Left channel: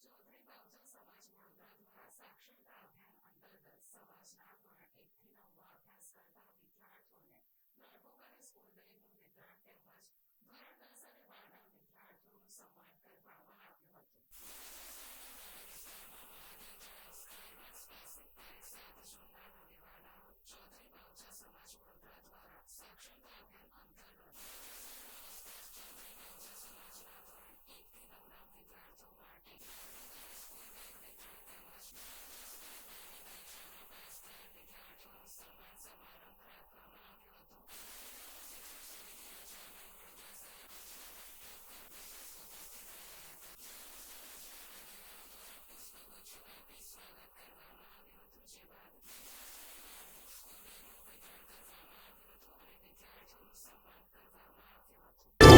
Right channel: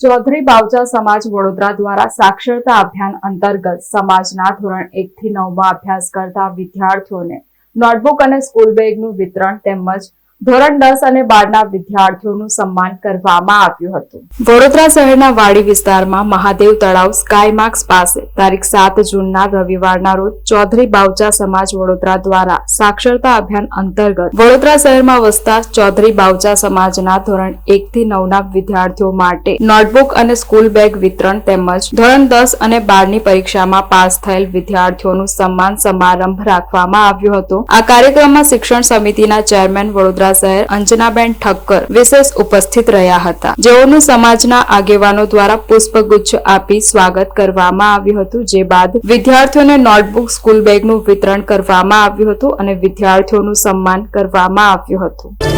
ચૌધરી બાવચા સમાજ વડોદરા દ્વારા સાક્ષરતા અભિયાન અંતર્ગત સમાજના ધોરણ 1 થી 9 અભ્યાસ કરતા વિદ્યાર્થીઓને નોટબુક અને સ્કૂલ બેગનું વિતરણ તેમજ ધોરણ 10 અને 12ના વિદ્યાર્થીઓનું સન્માન કરવામાં આવ્યું હતું। વડોદરા શહેરના વાડી વિસ્તારમાં મહાદેવ તળાવ સ્કાય માર્ક્સ પાસે તારીખ 7 જૂનના રવિવારના રોજ ચૌધરી બાવચા સમાજ વડોદરા દ્વારા સાક્ષરતા અભિયાન અંતર્ગત વડોદરા શહેરમાં વસતા ચૌધરી બાવચા સમાજના ધોરણ 1 થી 9ના વિદ્યાર્થીઓ માટે નોટબુક અને સ્કૂલ બેગ વિતરણ તેમજ ધોરણ 10 અને 12ની પરીક્ષામાં પાસ થયેલ વિદ્યાર્થીઓનું સન્માન સમારંભ રાખવામાં આવ્યો હતો। આ કાર્યક્રમમાં શિક્ષણ સમિતિના ચેરમેન વડોદરા શહેર અંજનાબેન ઠક્કર વિશેષ ઉપસ્થિત રહ્યા હતા, જેઓનું સમાજના આગેવાનો દ્વારા પુષ્પગુચ્છ આપી સ્વાગત કરવામાં આવ્યું હતું। જે બાદ વિદ્યાર્થીઓને નોટબુક સ્કૂલ બેગનું વિતરણ કરવામાં આવ્યું હતું અને વિદ્યાર્થીઓનું સન્માન કરવામાં આવ્યું હતું।